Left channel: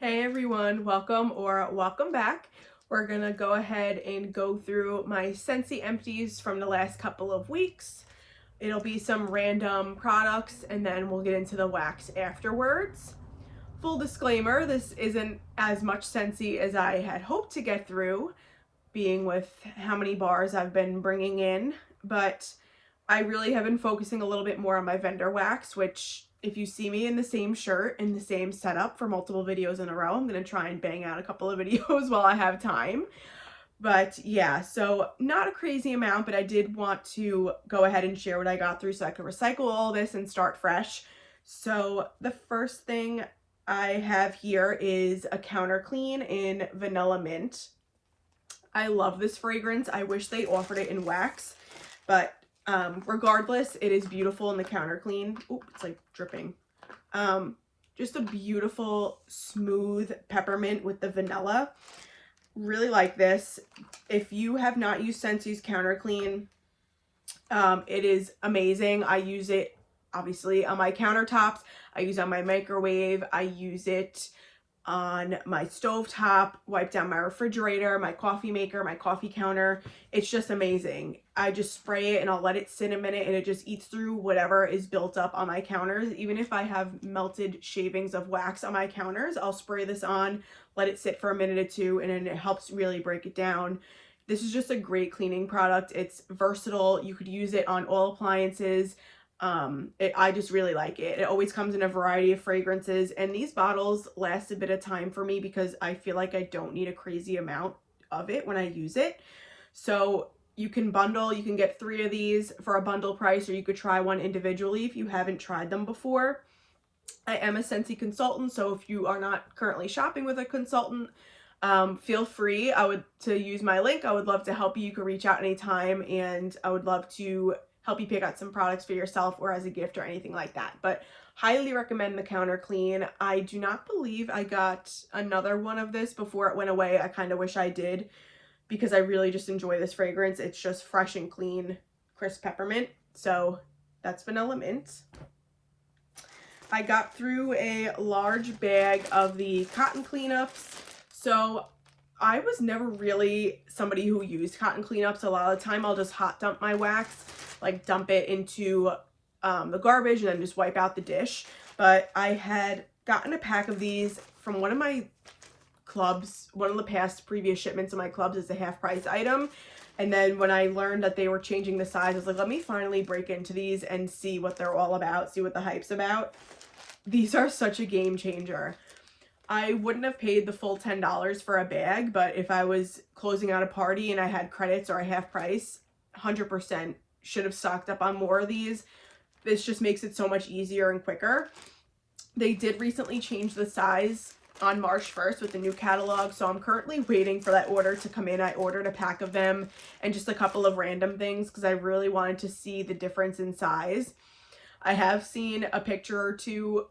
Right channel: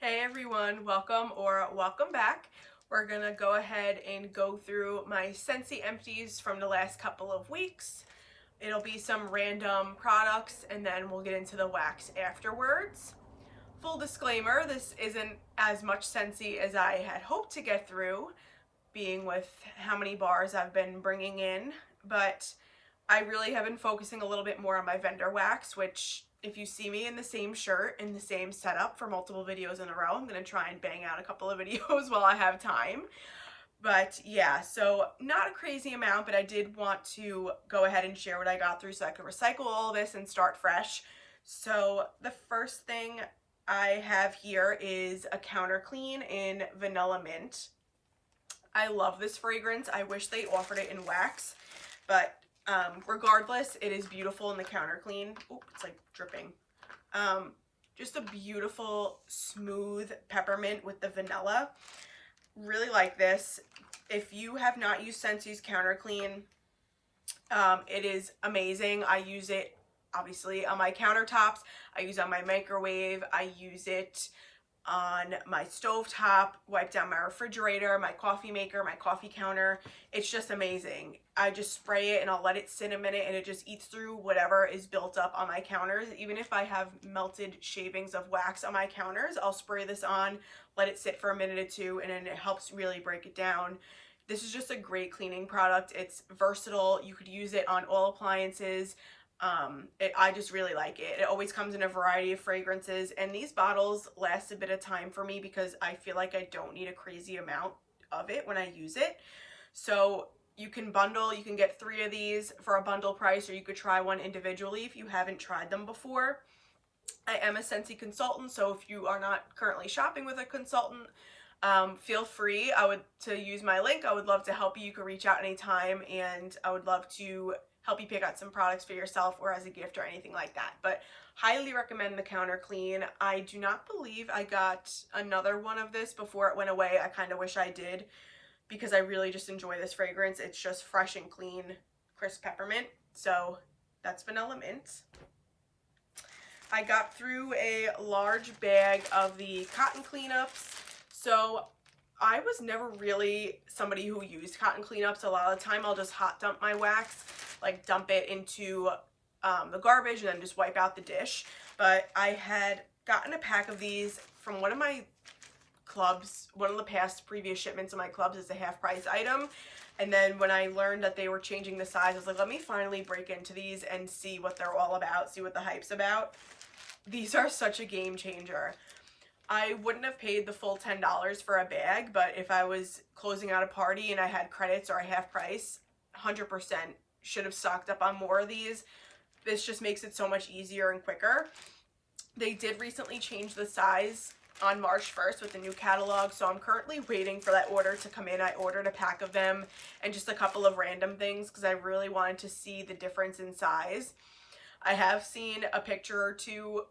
Hey everyone, welcome or welcome back. We're gonna go ahead and go through my Scentsy Empties from the last couple of weeks. It'll be some random products and then we'll get into the wax afterwards. Full disclaimer, this isn't as much Scentsy as I had hoped to get through, being with how many bars I've been bringing in, but I really have been focusing a little bit more on my vendor wax, which if you see me in the same shirt, in the same setup for multiple videos in a row, I'm going to try and bang out a couple of videos while I have time. But yeah, so not a crazy amount, but I did want to go ahead and share what I got through so I could recycle all this and start fresh. So the first thing I have here is a counter clean in Vanilla Mint. I love this fragrance. I wish they offered it in wax, but regardless, it is beautiful in the counter clean. Oop, it's like dripping. Just a beautiful, smooth peppermint with the vanilla. Really like this. If you have not used Scentsy's counter clean, it is amazing. I use it obviously on my countertops. I use it on my microwave. I use it on my stovetop, wipe down my refrigerator, my coffee maker, my coffee counter. It's just amazing. I just spray it and I'll let it sit a minute and it just eats through whatever is built up on my counters. Even if I have melted shavings of wax on my counters, I'll spray this on, let it sit for a minute or two, and then it helps really break it down. This is just a great cleaning product. It's versatile. You could use it on all appliances. I just really like it. It always comes in a variety of fragrances, and these bottles last a bit of time for me because I feel like I don't need a crazy amount of it when I use it. So you can bundle, you can get 3 of these for a bundle price, or you could try one individually if you haven't tried them before. I am a Scentsy consultant, so if you are not currently shopping with a consultant, feel free to use my link. I would love to help you. You can reach out anytime, and I would love to help you pick out some products for yourself or as a gift or anything like that. But highly recommend the counter clean. I do not believe I got another one of this before it went away. I kind of wish I did because I really just enjoy this fragrance. It's just fresh and clean, crisp peppermint. So that's Vanilla Mint. I got through a large bag of the cotton cleanups. So I was never really somebody who used cotton cleanups. A lot of the time I'll just hot dump my wax, like dump it into the garbage and then just wipe out the dish. But I had gotten a pack of these from one of my clubs, one of the past previous shipments of my clubs is a half price item. And then when I learned that they were changing the size, I was like, let me finally break into these and see what they're all about, see what the hype's about. These are such a game changer. I wouldn't have paid the full $10 for a bag, but if I was closing out a party and I had credits or a half price, 100% should have stocked up on more of these. This just makes it so much easier and quicker. They did recently change the size on March 1st with the new catalog, so I'm currently waiting for that order to come in. I ordered a pack of them and just a couple of random things because I really wanted to see the difference in size. I have seen a picture or two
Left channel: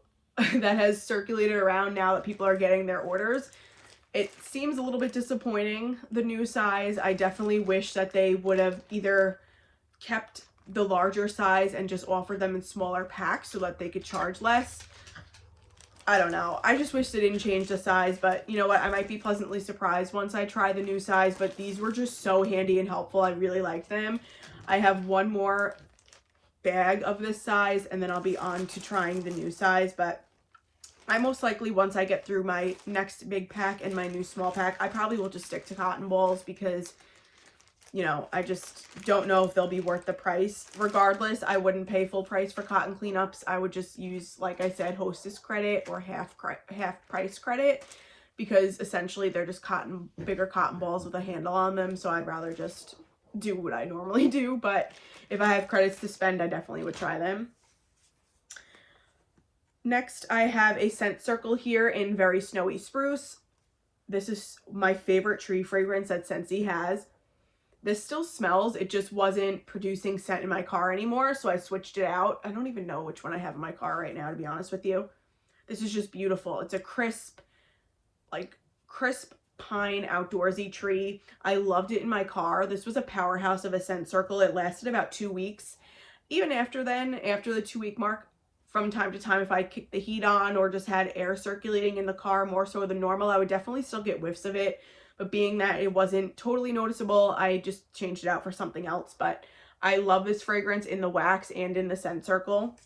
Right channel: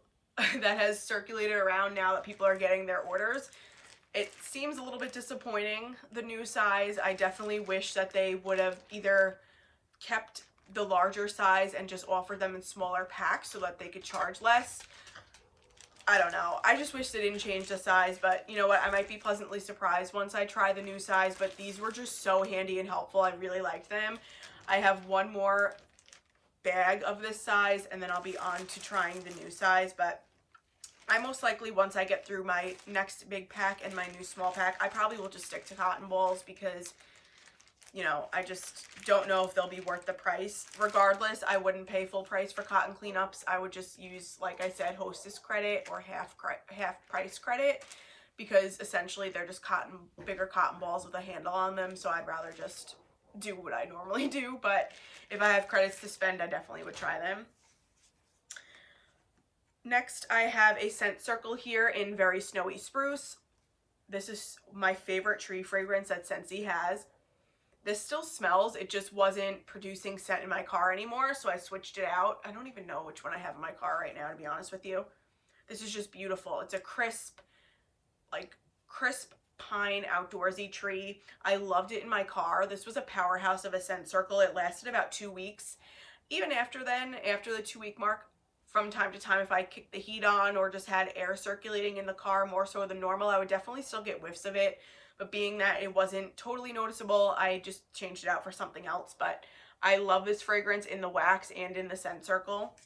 that has circulated around now that people are getting their orders. It seems a little bit disappointing, the new size. I definitely wish that they would have either kept the larger size and just offered them in smaller packs so that they could charge less. I don't know. I just wish they didn't change the size, but you know what? I might be pleasantly surprised once I try the new size, but these were just so handy and helpful. I really like them. I have one more bag of this size and then I'll be on to trying the new size, but I most likely, once I get through my next big pack and my new small pack, I probably will just stick to cotton balls because, you know, I just don't know if they'll be worth the price. Regardless, I wouldn't pay full price for cotton cleanups. I would just use, like I said, hostess credit or half price credit because essentially they're just bigger cotton balls with a handle on them. So I'd rather just do what I normally do. But if I have credits to spend, I definitely would try them. Next, I have a Scent Circle here in Very Snowy Spruce. This is my favorite tree fragrance that Scentsy has. This still smells. It just wasn't producing scent in my car anymore, so I switched it out. I don't even know which one I have in my car right now, to be honest with you. This is just beautiful. It's a crisp pine outdoorsy tree. I loved it in my car. This was a powerhouse of a Scent Circle. It lasted about 2 weeks. Even after then, after the 2-week mark, from time to time if I kicked the heat on or just had air circulating in the car more so than normal, I would definitely still get whiffs of it. But being that it wasn't totally noticeable, I just changed it out for something else. But I love this fragrance in the wax and in the Scent Circle.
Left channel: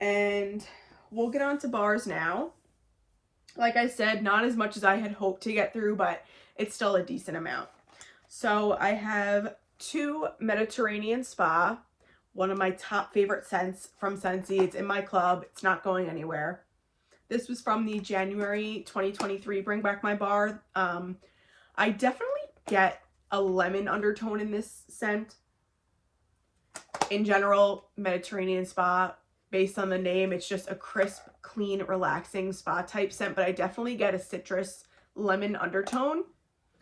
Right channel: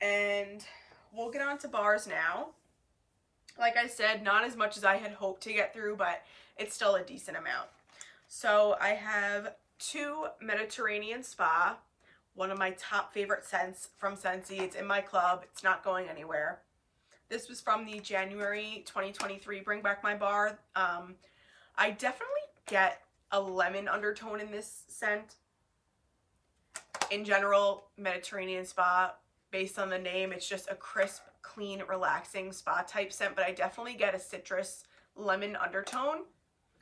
And we'll get on to bars now. Like I said, not as much as I had hoped to get through, but it's still a decent amount. So I have 2 Mediterranean Spa, one of my top favorite scents from Scentsy. It's in my club. It's not going anywhere. This was from the January 2023 Bring Back My Bar. I definitely get a lemon undertone in this scent. In general, Mediterranean Spa, based on the name, it's just a crisp, clean, relaxing spa type scent, but I definitely get a citrus lemon undertone.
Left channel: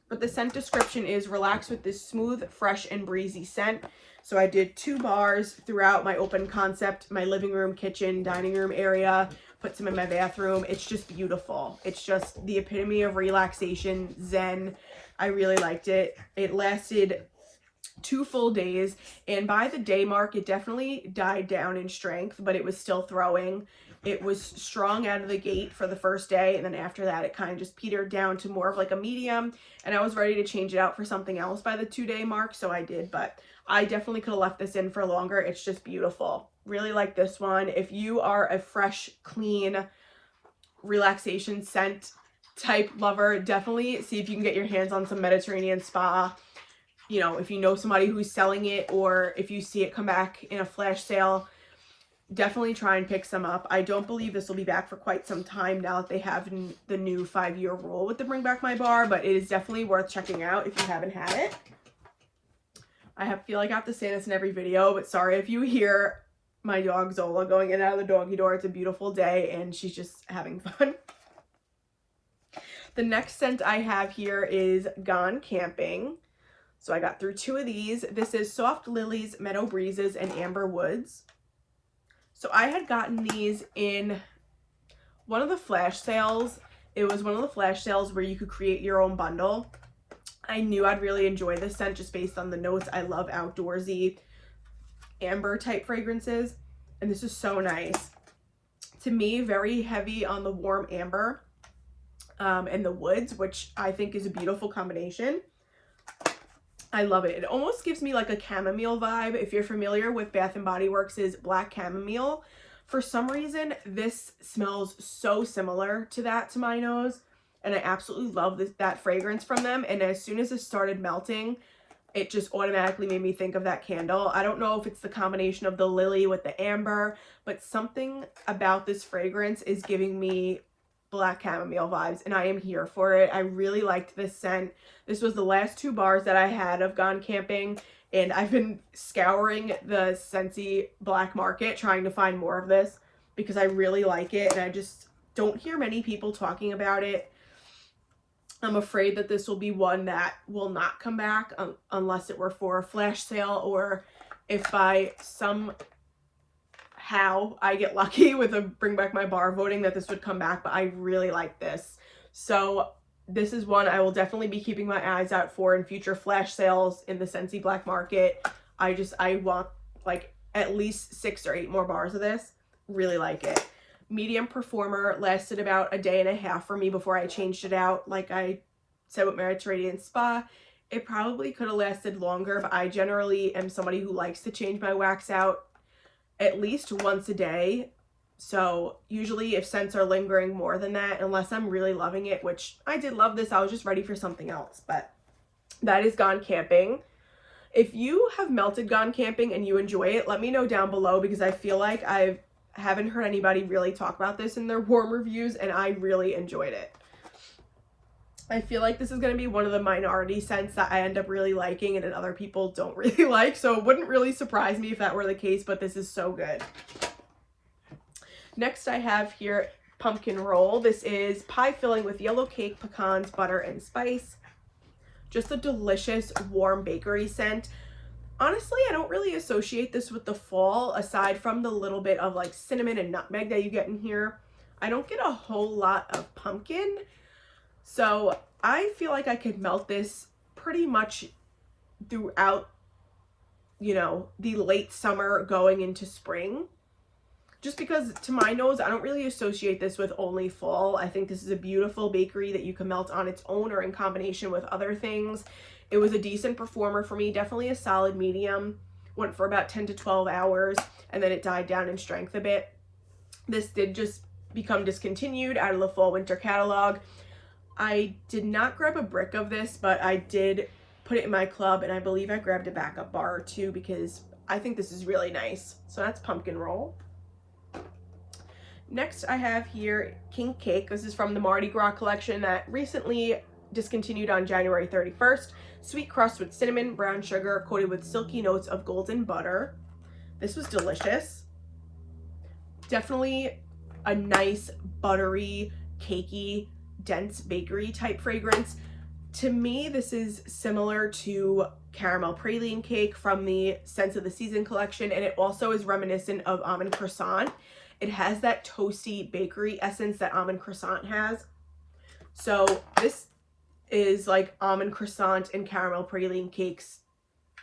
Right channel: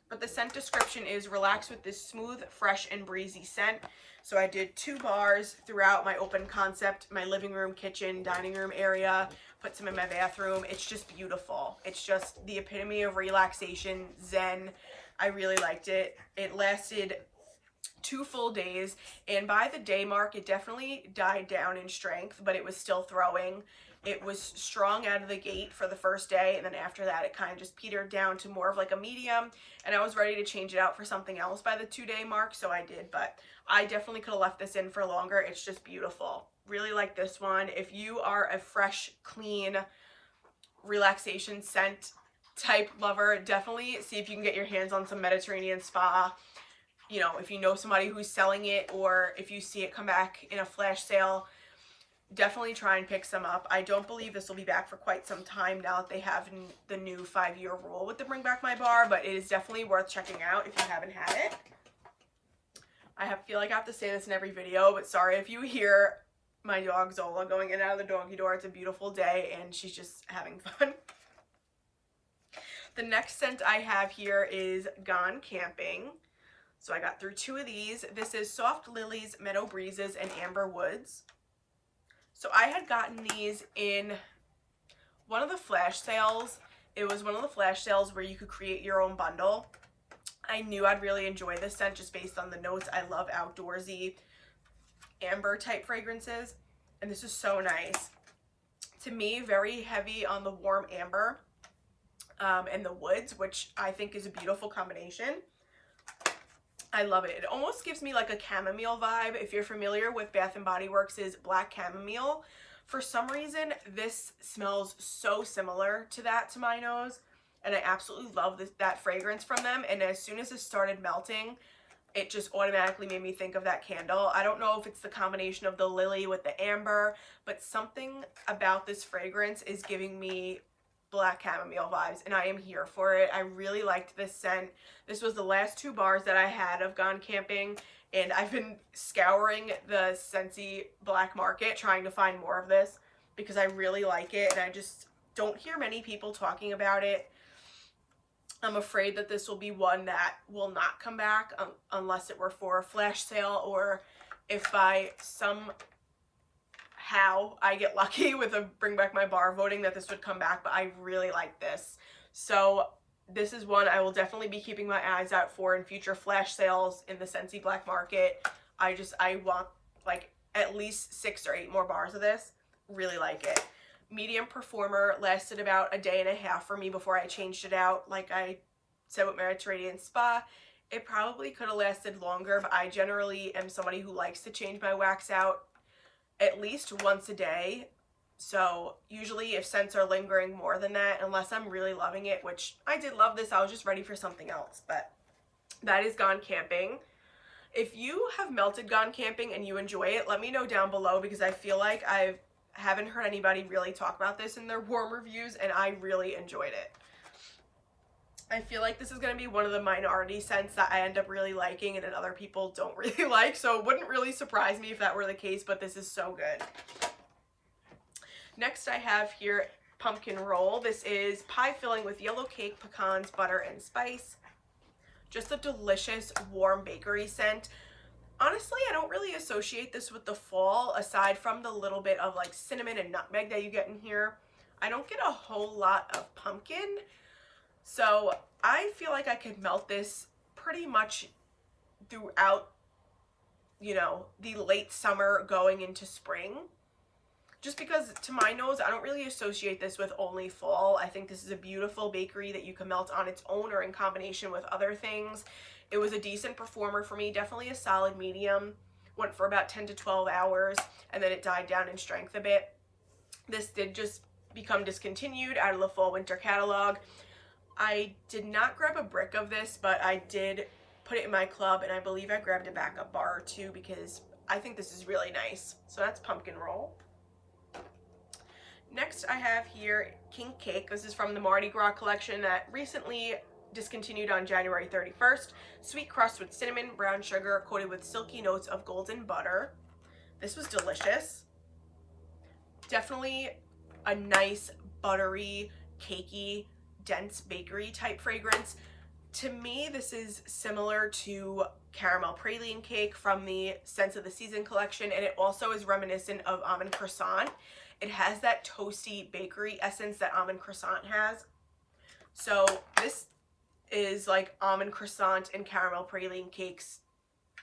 But the scent description is relax with this smooth, fresh, and breezy scent. So I did 2 bars throughout my open concept, my living room, kitchen, dining room area, put some in my bathroom. It's just beautiful. It's just the epitome of relaxation, zen. I really liked it. It lasted 2 full days, and by the day mark, it definitely died down in strength, but it was still throwing. It was strong out of the gate for the first day, and then after that, it kind of just petered down to more of like a medium, and I was ready to change it out for something else by the 2-day mark, so I did, but I definitely could have left this in for longer. It's just beautiful. Really like this one. If you are a fresh, clean, relaxation scent type lover, definitely see if you can get your hands on some Mediterranean Spa. You know, if you know somebody who's selling it, or if you see it come back in a flash sale, definitely try and pick some up. I don't believe this will be back for quite some time now that they have the new 5-year rule with the Bring Back My Bar, but it is definitely worth checking out if you haven't had it. I feel like I have to say this in every video, but sorry if you hear my dog Zola going in and out of the doggy door. It's a beautiful day and she's just having fun. The next scent I have here is Gone Camping. So I got through 2 of these. This is Soft Lilies, Meadow Breezes, and Amber Woods. So I had gotten these in one of the flash sales. It was one of the flash sales where you could create your own bundle. I knew I'd really enjoy this scent just based on the notes. I love outdoorsy amber type fragrances, and this is so nice. To me, very heavy on the warm amber and the woods, which I think is a beautiful combination. I love it. It almost gives me like a chamomile vibe. If you're familiar with Bath & Body Works' Black Chamomile, for some reason, this smells so similar to that to my nose. And I absolutely love that fragrance from them. And as soon as it started melting, it just automatically made me think of that candle. I don't know if it's the combination of the lily with the amber, but something about this fragrance is giving me Black Chamomile vibes, and I am here for it. I really liked this scent. This was the last 2 bars that I had of Gone Camping, and I've been scouring the Scentsy black market trying to find more of this because I really like it, and I just don't hear many people talking about it. I'm afraid that this will be one that will not come back unless it were for a flash sale, or if by somehow I get lucky with a Bring Back My Bar voting that this would come back, but I really like this. So this is one I will definitely be keeping my eyes out for in future flash sales in the Scentsy black market. I want like at least 6 or 8 more bars of this. Really like it. Medium Performer lasted about a day and a half for me before I changed it out. Like I said with Mediterranean Spa, it probably could have lasted longer, but I generally am somebody who likes to change my wax out at least once a day. So usually if scents are lingering more than that, unless I'm really loving it, which I did love this, I was just ready for something else. But that is Gone Camping. If you have melted Gone Camping and you enjoy it, let me know down below, because I feel like I haven't heard anybody really talk about this in their warm reviews, and I really enjoyed it. I feel like this is going to be one of the minority scents that I end up really liking and that other people don't really like, so it wouldn't really surprise me if that were the case, but this is so good. Next I have here Pumpkin Roll. This is pie filling with yellow cake, pecans, butter, and spice. Just a delicious warm bakery scent. Honestly, I don't really associate this with the fall, aside from the little bit of like cinnamon and nutmeg that you get in here. I don't get a whole lot of pumpkin, so I feel like I could melt this pretty much throughout, you know, the late summer going into spring. just because to my nose, I don't really associate this with only fall. I think this is a beautiful bakery that you can melt on its own or in combination with other things. It was a decent performer for me, definitely a solid medium. Went for about 10 to 12 hours, and then it died down in strength a bit. This did just become discontinued out of the fall winter catalog. I did not grab a brick of this, but I did put it in my club, and I believe I grabbed a backup bar or two because I think this is really nice. So that's pumpkin roll. Next I have here Kink Cake. This is from the Mardi Gras collection that recently discontinued on January 31st. Sweet crust with cinnamon, brown sugar, coated with silky notes of golden butter. This was delicious. Definitely a nice, buttery, cakey, dense bakery type fragrance. To me, this is similar to caramel praline cake from the Scents of the Season collection, and it also is reminiscent of almond croissant. It has that toasty bakery essence that almond croissant has. So this is like almond croissant and caramel praline cakes.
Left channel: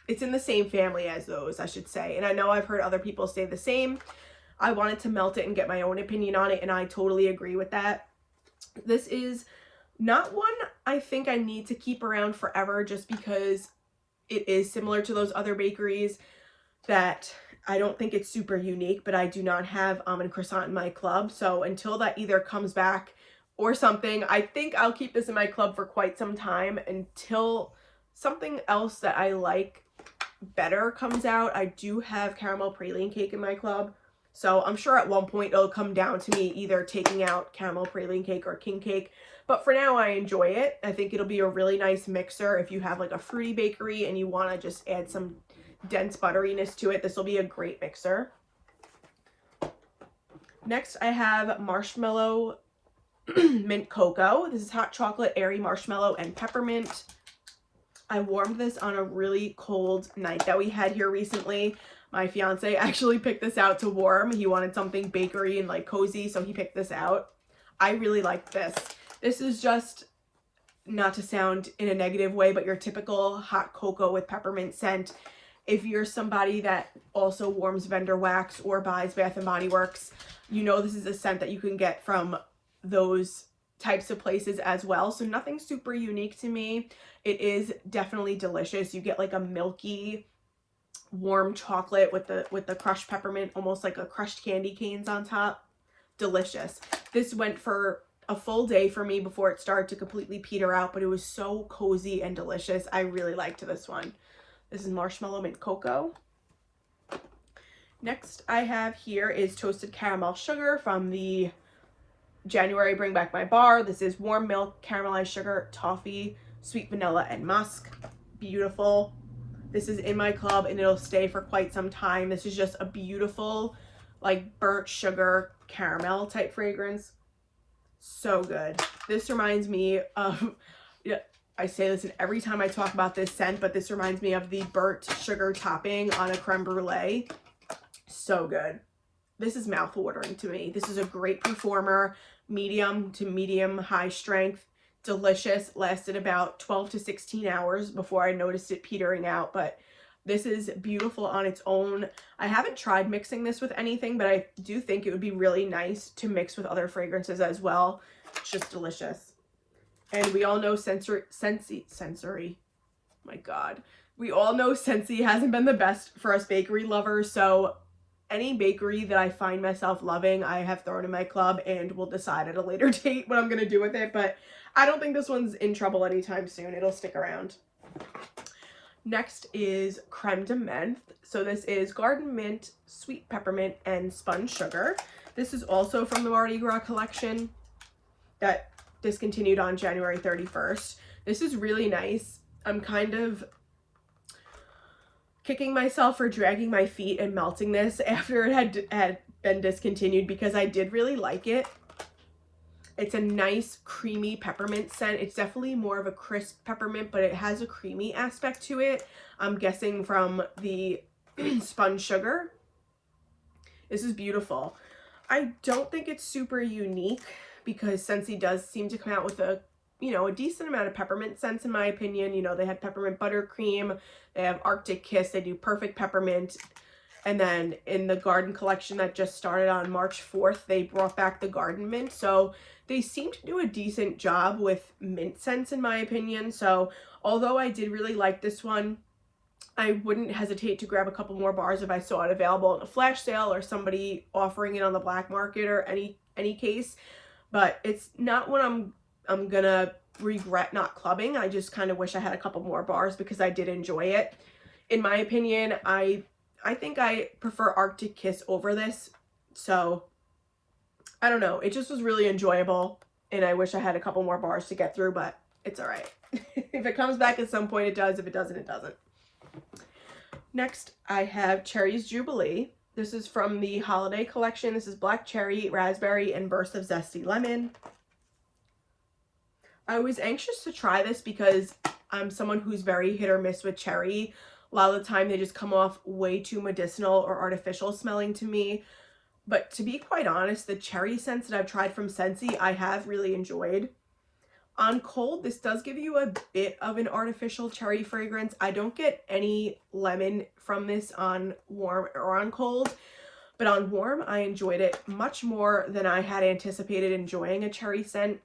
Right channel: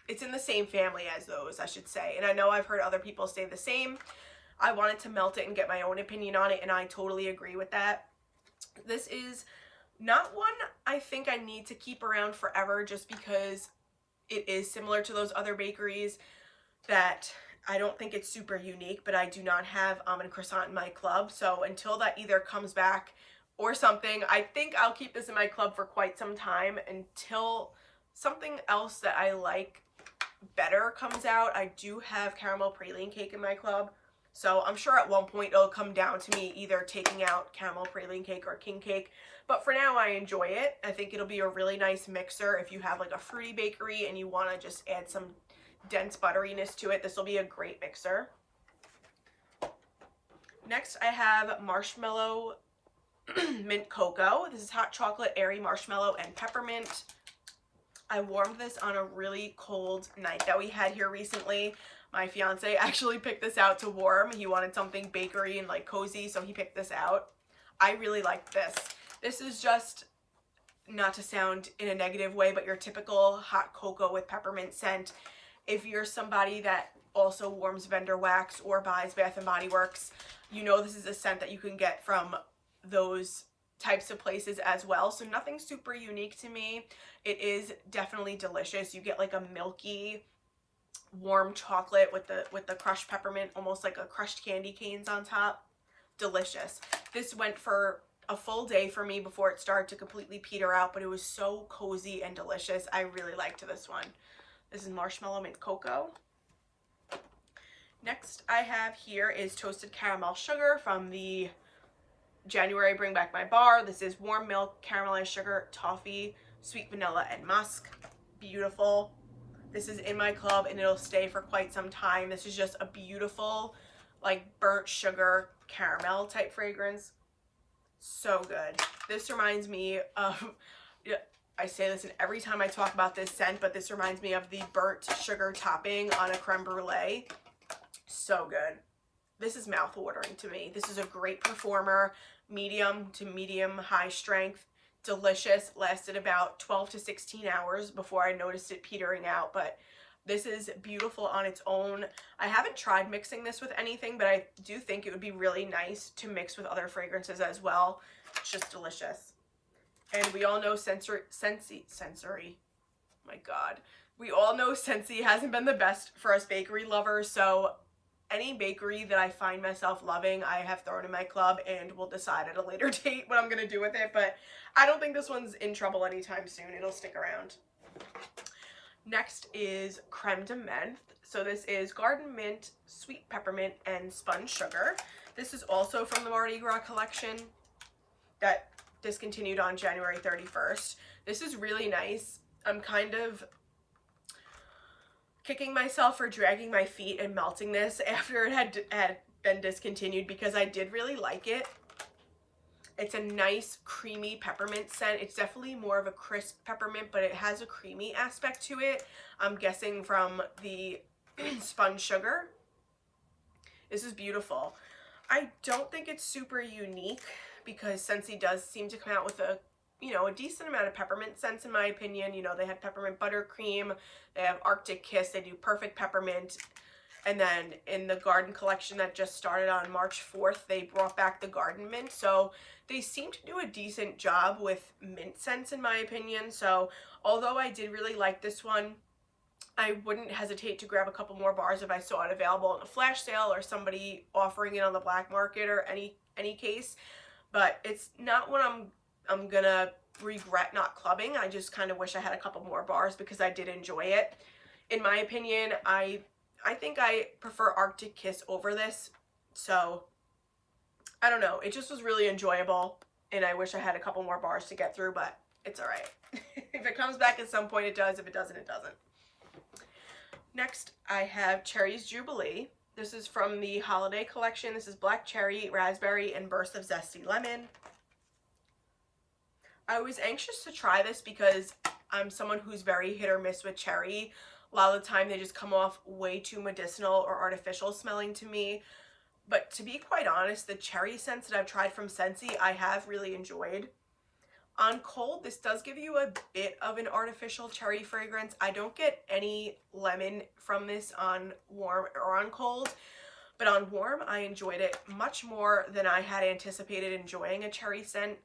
It's in the same family as those, I should say. And I know I've heard other people say the same. I wanted to melt it and get my own opinion on it, and I totally agree with that. This is not one I think I need to keep around forever, just because it is similar to those other bakeries that I don't think it's super unique, but I do not have almond croissant in my club. So until that either comes back or something, I think I'll keep this in my club for quite some time until something else that I like better comes out. I do have caramel praline cake in my club, so I'm sure at one point it'll come down to me either taking out caramel praline cake or king cake. But for now, I enjoy it. I think it'll be a really nice mixer if you have like a fruity bakery and you want to just add some dense butteriness to it. This will be a great mixer. Next, I have Marshmallow Mint Cocoa. This is hot chocolate, airy marshmallow, and peppermint. I warmed this on a really cold night that we had here recently. My fiance actually picked this out to warm. He wanted something bakery and like cozy, so he picked this out. I really like this. This is just, not to sound in a negative way, but your typical hot cocoa with peppermint scent. If you're somebody that also warms vendor wax or buys Bath & Body Works, you know this is a scent that you can get from those types of places as well. So nothing super unique to me. It is definitely delicious. You get like a milky, warm chocolate with the crushed peppermint, almost like a crushed candy canes on top. Delicious. This went for a full day for me before it started to completely peter out, but it was so cozy and delicious. I really liked this one. This is Marshmallow Mint Cocoa. Next I have here is Toasted Caramel Sugar from the January Bring Back My Bar. This is warm milk, caramelized sugar, toffee, sweet vanilla, and musk. Beautiful. This is in my club and it'll stay for quite some time. This is just a beautiful, like burnt sugar caramel type fragrance. So good. This reminds me of, I say this in every time I talk about this scent, but this reminds me of the burnt sugar topping on a creme brulee. So good. This is mouth-watering to me. This is a great performer, medium to medium high strength, delicious. Lasted about 12 to 16 hours before I noticed it petering out, but this is beautiful on its own. I haven't tried mixing this with anything, but I do think it would be really nice to mix with other fragrances as well. It's just delicious. And we all know Scentsy, my God. We all know Scentsy hasn't been the best for us bakery lovers, so any bakery that I find myself loving, I have thrown in my club and will decide at a later date what I'm going to do with it, but I don't think this one's in trouble anytime soon. It'll stick around. Next is Creme de Menth. So this is garden mint, sweet peppermint, and spun sugar. This is also from the Mardi Gras collection that discontinued on January 31st. This is really nice. I'm kind of kicking myself for dragging my feet and melting this after it had been discontinued because I did really like it. It's a nice creamy peppermint scent. It's definitely more of a crisp peppermint, but it has a creamy aspect to it. I'm guessing from the spun sugar. This is beautiful. I don't think it's super unique because Scentsy does seem to come out with a decent amount of peppermint scents in my opinion. You know, they had peppermint buttercream, they have Arctic Kiss, they do perfect peppermint. And then in the garden collection that just started on March 4th, they brought back the garden mint. So they seem to do a decent job with mint scents in my opinion. So although I did really like this one, I wouldn't hesitate to grab a couple more bars if I saw it available in a flash sale or somebody offering it on the black market or any case. But it's not what I'm gonna regret not clubbing. I just kind of wish I had a couple more bars because I did enjoy it. In my opinion, I think I prefer Arctic Kiss over this. So I don't know. It just was really enjoyable and I wish I had a couple more bars to get through, but it's all right. If it comes back at some point, it does. If it doesn't, it doesn't. Next, I have Cherris Jubilee. This is from the holiday collection. This is black cherry, raspberry, and burst of zesty lemon. I was anxious to try this because I'm someone who's very hit or miss with cherry. A lot of the time they just come off way too medicinal or artificial smelling to me. But to be quite honest, the cherry scents that I've tried from Scentsy, I have really enjoyed. On cold, this does give you a bit of an artificial cherry fragrance. I don't get any lemon from this on warm or on cold, but on warm, I enjoyed it much more than I had anticipated enjoying a cherry scent.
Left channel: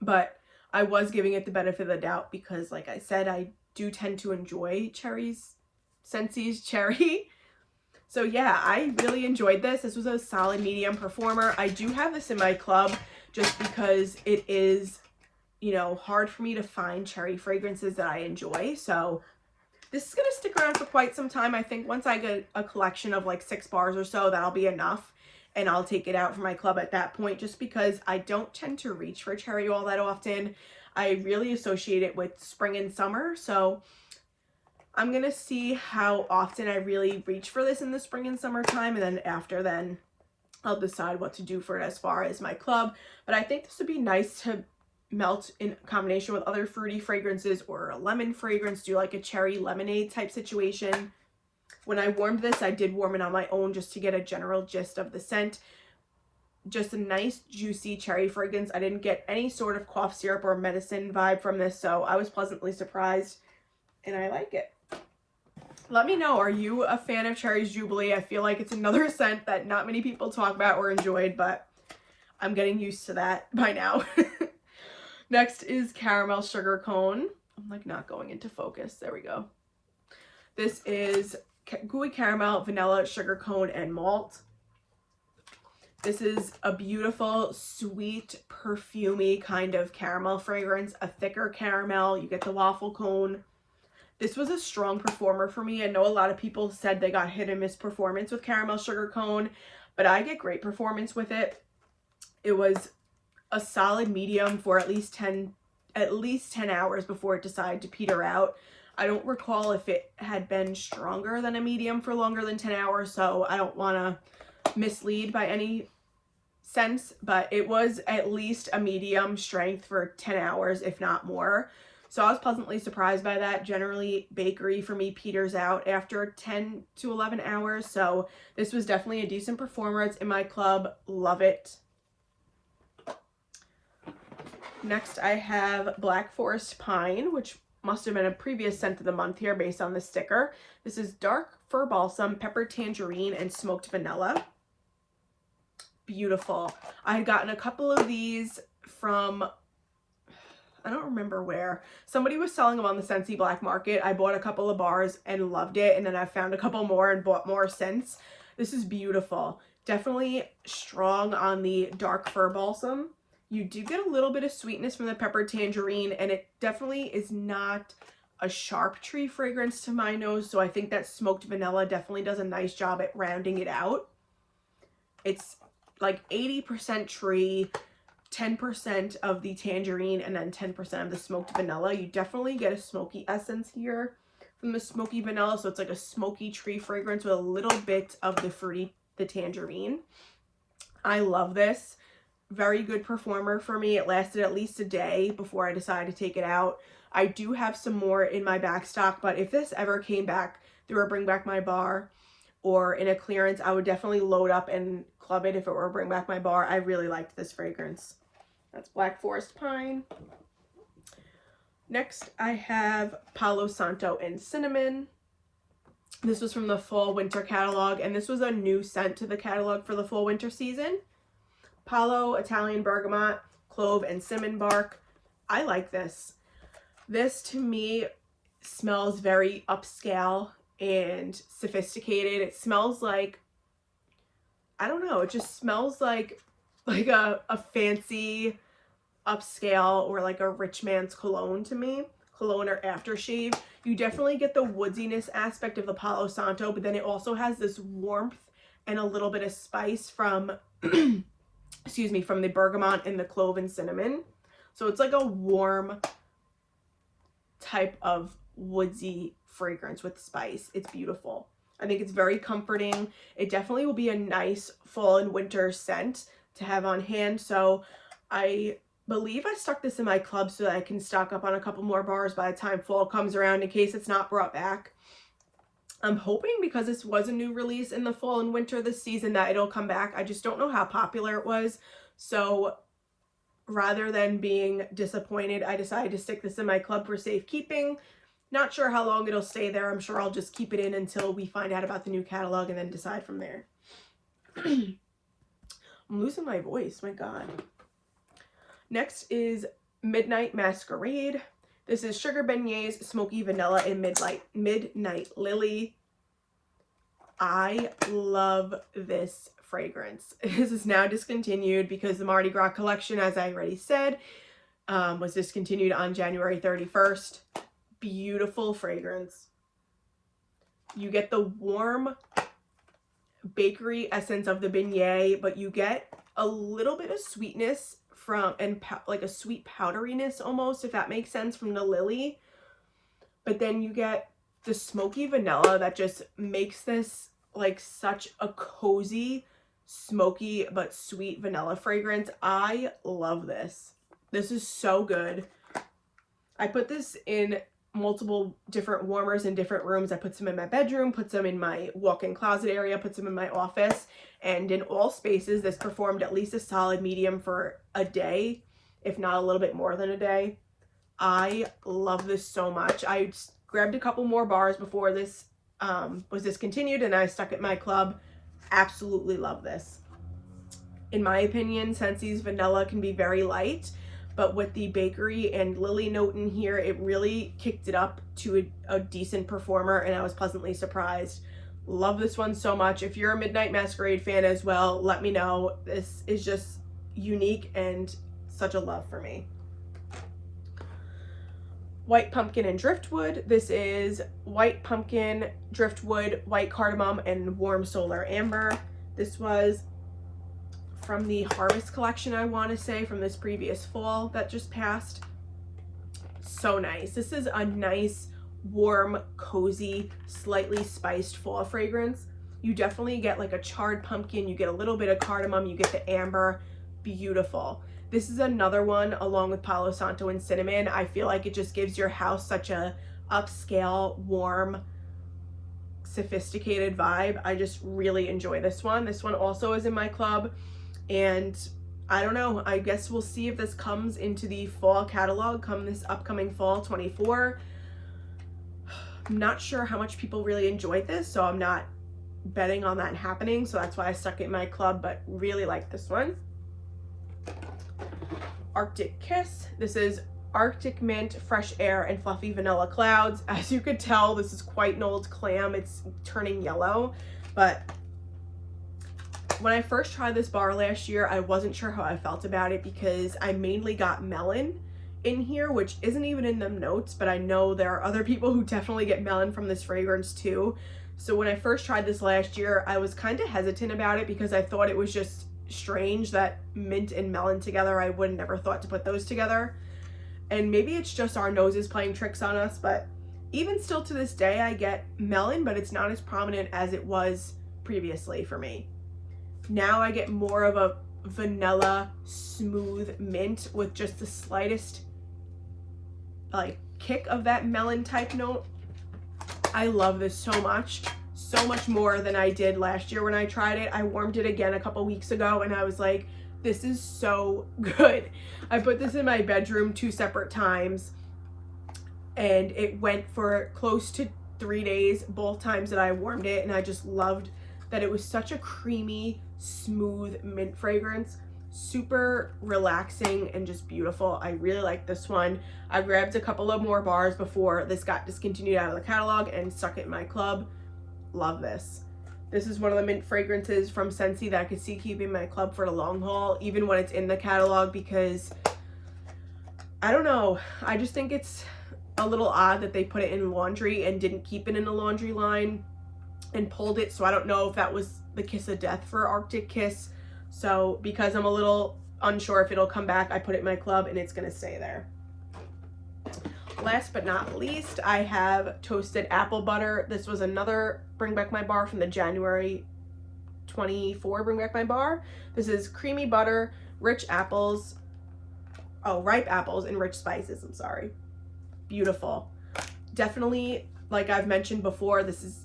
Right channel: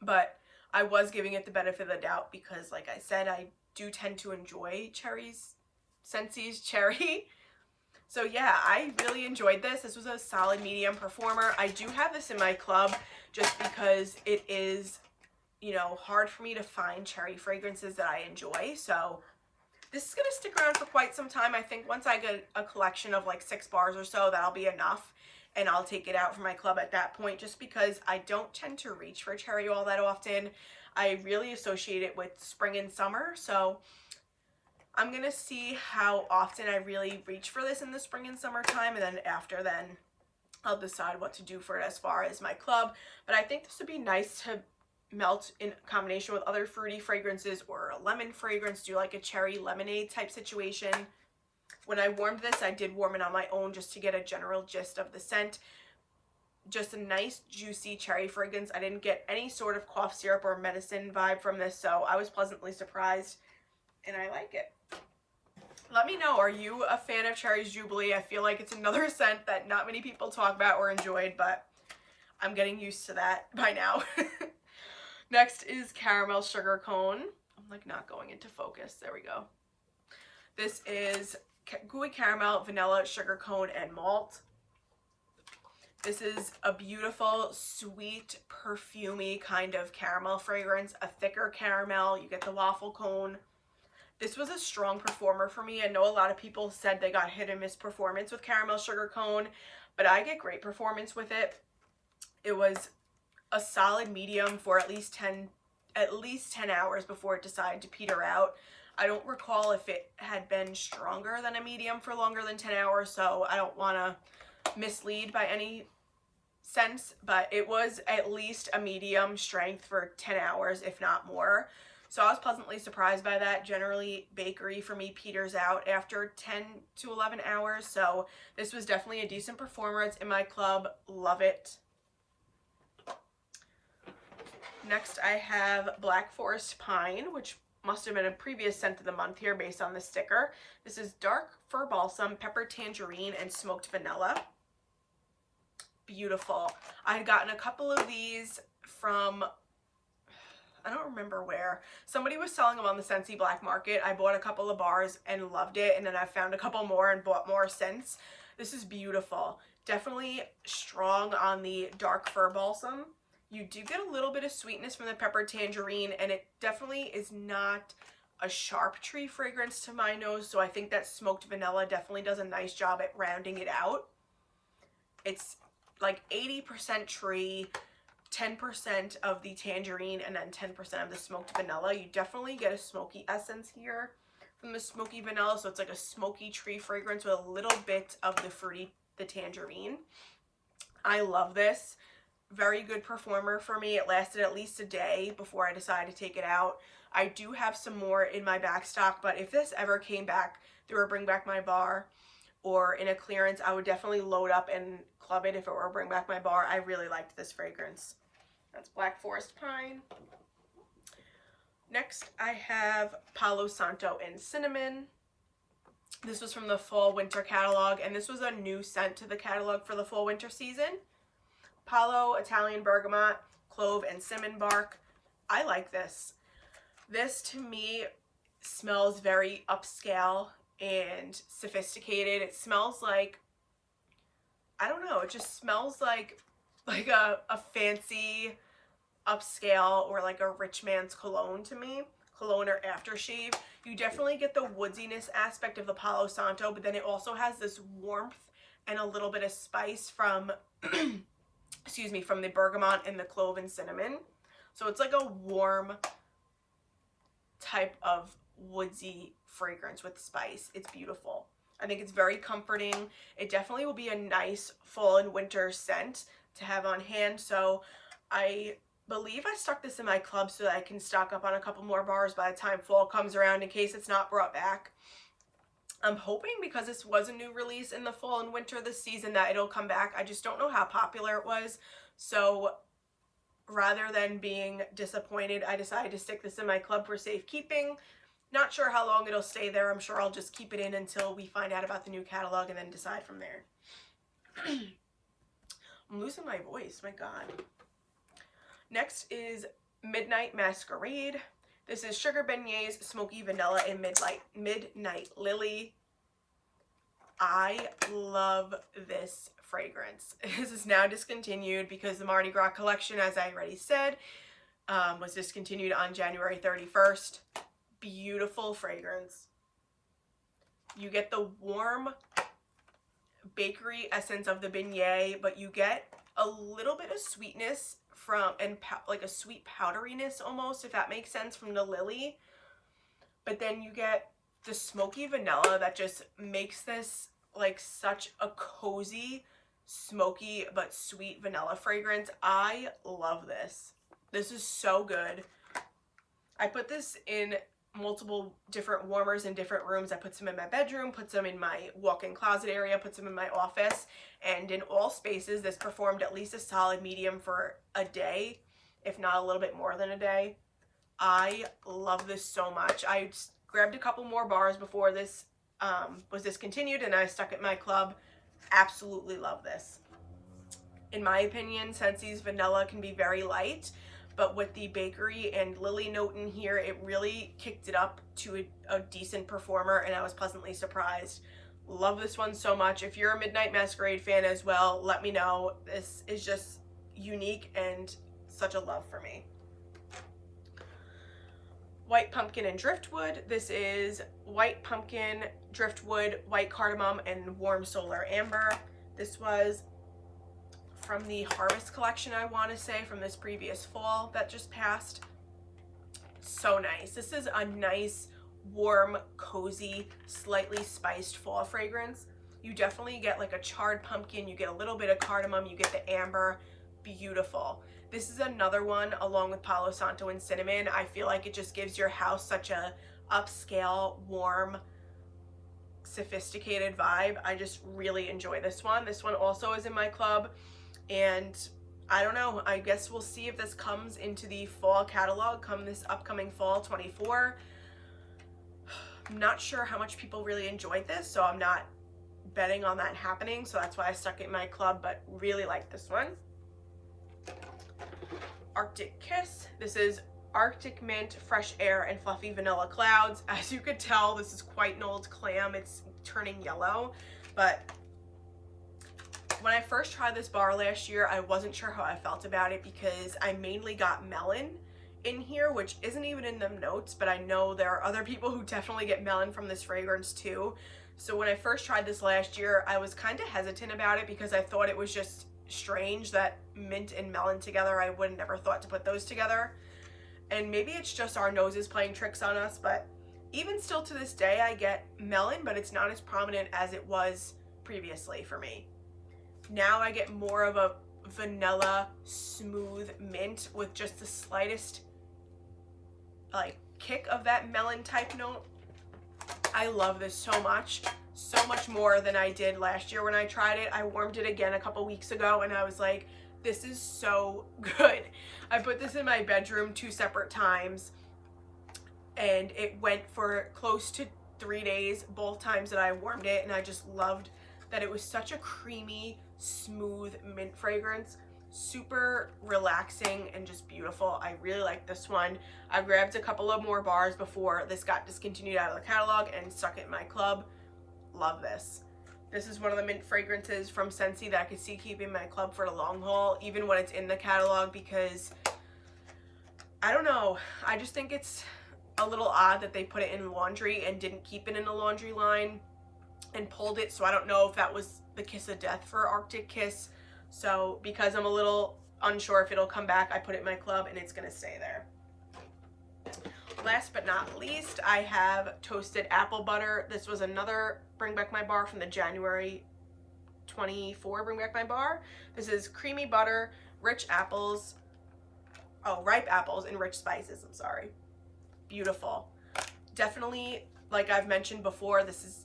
But I was giving it the benefit of the doubt because, like I said, I do tend to enjoy Scentsy's cherry. So yeah, I really enjoyed this. This was a solid medium performer. I do have this in my club just because it is, you know, hard for me to find cherry fragrances that I enjoy. So this is going to stick around for quite some time. I think once I get a collection of like 6 bars or so, that'll be enough. And I'll take it out for my club at that point just because I don't tend to reach for cherry all that often. I really associate it with spring and summer. So I'm going to see how often I really reach for this in the spring and summertime. And then after then, I'll decide what to do for it as far as my club. But I think this would be nice to melt in combination with other fruity fragrances or a lemon fragrance, do like a cherry lemonade type situation. When I warmed this, I did warm it on my own just to get a general gist of the scent. Just a nice juicy cherry fragrance. I didn't get any sort of cough syrup or medicine vibe from this, so I was pleasantly surprised and I like it. Let me know, are you a fan of Cherris Jubilee? I feel like it's another scent that not many people talk about or enjoyed, but I'm getting used to that by now. Next is Caramel Sugar Cone. I'm like not going into focus. There we go. This is gooey caramel, vanilla, sugar cone, and malt. This is a beautiful, sweet, perfumey kind of caramel fragrance, a thicker caramel. You get the waffle cone. This was a strong performer for me. I know a lot of people said they got hit and miss performance with Caramel Sugar Cone, but I get great performance with it. It was a solid medium for at least 10 hours before it decided to peter out. I don't recall if it had been stronger than a medium for longer than 10 hours, so I don't want to mislead by any sense, but it was at least a medium strength for 10 hours, if not more. So I was pleasantly surprised by that. Generally, bakery for me peters out after 10 to 11 hours, so this was definitely a decent performer. It's in my club. Love it. Next, I have Black Forest Pine, which must have been a previous scent of the month here based on the sticker. This is dark fir balsam, pepper tangerine, and smoked vanilla. Beautiful. I had gotten a couple of these from, I don't remember where. Somebody was selling them on the Scentsy Black Market. I bought a couple of bars and loved it, and then I found a couple more and bought more since. This is beautiful. Definitely strong on the dark fir balsam. You do get a little bit of sweetness from the pepper tangerine, and it definitely is not a sharp tree fragrance to my nose, so I think that smoked vanilla definitely does a nice job at rounding it out. It's like 80% tree, 10% of the tangerine, and then 10% of the smoked vanilla. You definitely get a smoky essence here from the smoky vanilla, so it's like a smoky tree fragrance with a little bit of the fruity, the tangerine. I love this. Very good performer for me. It lasted at least a day before I decided to take it out. I do have some more in my back stock, but if this ever came back through a Bring Back My Bar or in a clearance, I would definitely load up and club it if it were a Bring Back My Bar. I really liked this fragrance. That's Black Forest Pine. Next, I have Palo Santo and Cinnamon. This was from the fall winter catalog, and this was a new scent to the catalog for the fall winter season. Palo, Italian bergamot, clove, and cinnamon bark. I like this. This to me smells very upscale and sophisticated. It smells like, I don't know, it just smells like a fancy upscale or like a rich man's cologne to me. Cologne or aftershave. You definitely get the woodiness aspect of the Palo Santo, but then it also has this warmth and a little bit of spice from excuse me, from the bergamot and the clove and cinnamon. So it's like a warm type of woodsy fragrance with spice. It's beautiful. I think it's very comforting. It definitely will be a nice fall and winter scent to have on hand. So I believe I stuck this in my club so that I can stock up on a couple more bars by the time fall comes around in case it's not brought back. I'm hoping, because this was a new release in the fall and winter this season, that it'll come back. I just don't know how popular it was. So rather than being disappointed, I decided to stick this in my club for safekeeping. Not sure how long it'll stay there. I'm sure I'll just keep it in until we find out about the new catalog and then decide from there. I'm losing my voice, my God. Next is Midnight Masquerade. This is Sugar Beignets, Smoky Vanilla, and Midnight Lily. I love this fragrance. This is now discontinued because the Mardi Gras collection, as I already said, was discontinued on January 31st. Beautiful fragrance. You get the warm bakery essence of the beignet, but you get a little bit of sweetness from, and like a sweet powderiness almost, if that makes sense, from the lily. But then you get the smoky vanilla that just makes this like such a cozy, smoky but sweet vanilla fragrance. I love this. This is so good. I put this in multiple different warmers in different rooms. I put some in my bedroom, put some in my walk-in closet area, put some in my office, and in all spaces this performed at least a solid medium for a day, if not a little bit more than a day. I love this so much. I grabbed a couple more bars before this was discontinued, and I stuck it in my club. Absolutely love this. In my opinion, Scentsy's vanilla can be very light, but with the bakery and lily note in here, it really kicked it up to a decent performer, and I was pleasantly surprised. Love this one so much. If you're a Midnight Masquerade fan as well, let me know. This is just unique and such a love for me. White Pumpkin and Driftwood. This is White Pumpkin, Driftwood, White Cardamom, and Warm Solar Amber. This was from the Harvest collection, I want to say, from this previous fall that just passed. So nice. This is a nice, warm, cozy, slightly spiced fall fragrance. You definitely get like a charred pumpkin, you get a little bit of cardamom, you get the amber. Beautiful. This is another one along with Palo Santo and cinnamon. I feel like it just gives your house such a upscale, warm, sophisticated vibe. I just really enjoy this one. This one also is in my club. And I don't know, I guess we'll see if this comes into the fall catalog come this upcoming fall 24. I'm not sure how much people really enjoyed this, so I'm not betting on that happening. So that's why I stuck it in my club, but really like this one. Arctic Kiss. This is Arctic Mint, Fresh Air, and Fluffy Vanilla Clouds. As you could tell, this is quite an old clam. It's turning yellow, but when I first tried this bar last year, I wasn't sure how I felt about it because I mainly got melon in here, which isn't even in them notes, but I know there are other people who definitely get melon from this fragrance too. So when I first tried this last year, I was kind of hesitant about it because I thought it was just strange that mint and melon together. I would never thought to put those together. And maybe it's just our noses playing tricks on us, but even still to this day, I get melon, but it's not as prominent as it was previously for me. Now I get more of a vanilla, smooth mint with just the slightest like kick of that melon type note. I love this so much more than I did last year when I tried it. I warmed it again a couple weeks ago and I was like, this is so good. I put this in my bedroom 2 separate times and it went for close to 3 days, both times that I warmed it, and I just loved that it was such a creamy, smooth mint fragrance. Super relaxing and just beautiful. I really like this one. I grabbed a couple of more bars before this got discontinued out of the catalog and stuck it in my club. Love this. This is one of the mint fragrances from Scentsy that I could see keeping my club for the long haul, even when it's in the catalog, because I don't know, I just think it's a little odd that they put it in laundry and didn't keep it in the laundry line and pulled it. So I don't know if that was the kiss of death for Arctic Kiss. So because I'm a little unsure if it'll come back, I put it in my club and it's gonna stay there. Last but not least, I have Toasted Apple Butter. This was another Bring Back My Bar from the January 24 Bring Back My Bar. This is creamy butter, rich apples, ripe apples and rich spices, I'm sorry. Beautiful. Definitely, like I've mentioned before, this is,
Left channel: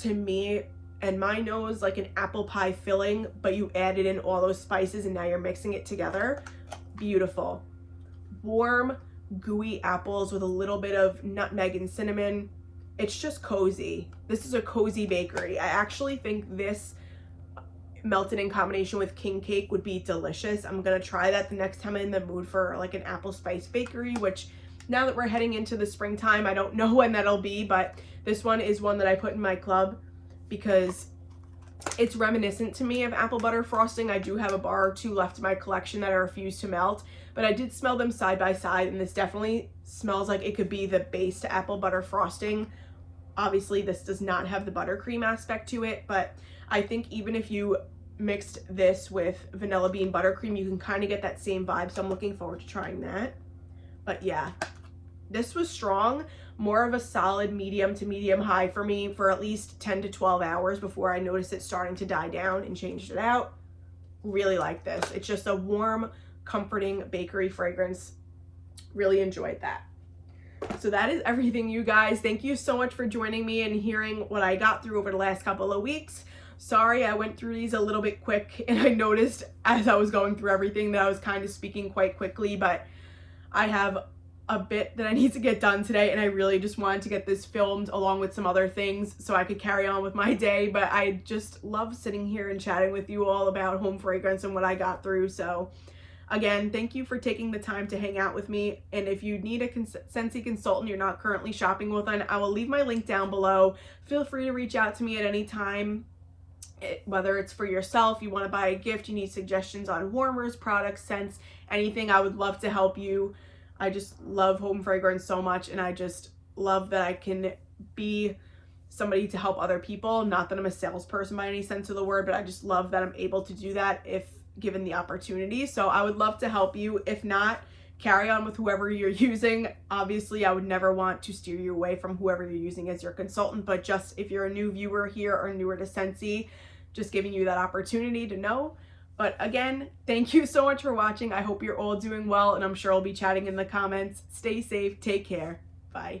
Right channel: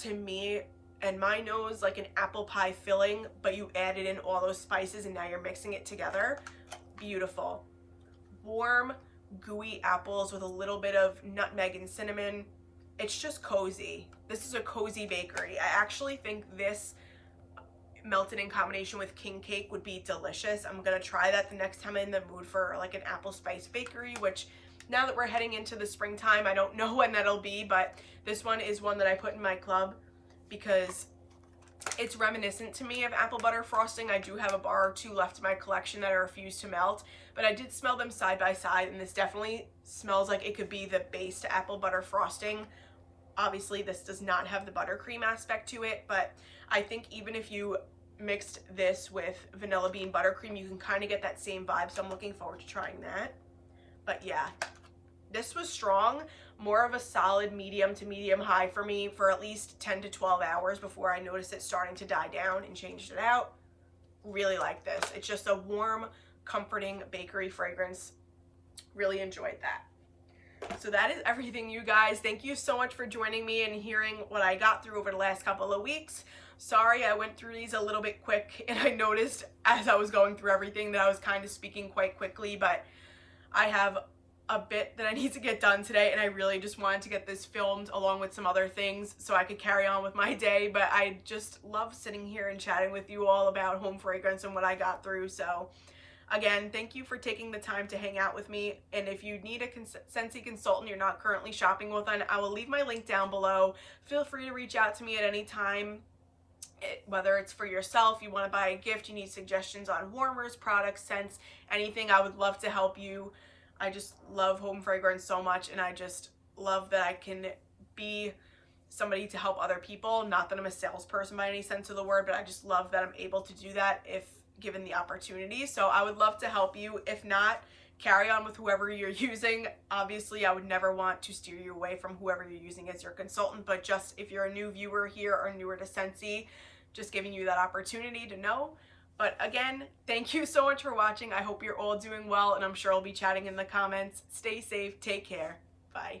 to me and my nose, like an apple pie filling, but you added in all those spices and now you're mixing it together. Beautiful. Warm, gooey apples with a little bit of nutmeg and cinnamon. It's just cozy. This is a cozy bakery. I actually think this melted in combination with Kink Cake would be delicious. I'm gonna try that the next time I'm in the mood for like an apple spice bakery, which now that we're heading into the springtime, I don't know when that'll be, but this one is one that I put in my club because it's reminiscent to me of apple butter frosting. I do have a bar or two left in my collection that I refuse to melt, but I did smell them side by side, and this definitely smells like it could be the base to apple butter frosting. Obviously, this does not have the buttercream aspect to it, but I think even if you mixed this with vanilla bean buttercream, you can kind of get that same vibe, so I'm looking forward to trying that. But yeah, this was strong, more of a solid medium to medium high for me for at least 10 to 12 hours before I noticed it starting to die down and changed it out. Really like this. It's just a warm, comforting bakery fragrance. Really enjoyed that. So that is everything, you guys. Thank you so much for joining me and hearing what I got through over the last couple of weeks. Sorry I went through these a little bit quick, and I noticed as I was going through everything that I was kind of speaking quite quickly, but I have a bit that I need to get done today, and I really just wanted to get this filmed along with some other things so I could carry on with my day. But I just love sitting here and chatting with you all about home fragrance and what I got through. So again, thank you for taking the time to hang out with me. And if you need a Scentsy consultant you're not currently shopping with, I will leave my link down below. Feel free to reach out to me at any time. Whether it's for yourself, you want to buy a gift, you need suggestions on warmers, products, scents, anything, I would love to help you. I just love home fragrance so much, and I just love that I can be somebody to help other people. Not that I'm a salesperson by any sense of the word, but I just love that I'm able to do that if given the opportunity. So I would love to help you. If not, carry on with whoever you're using. Obviously, I would never want to steer you away from whoever you're using as your consultant, but just if you're a new viewer here or newer to Scentsy, just giving you that opportunity to know. But again, thank you so much for watching. I hope you're all doing well, and I'm sure I'll be chatting in the comments. Stay safe. Take care. Bye.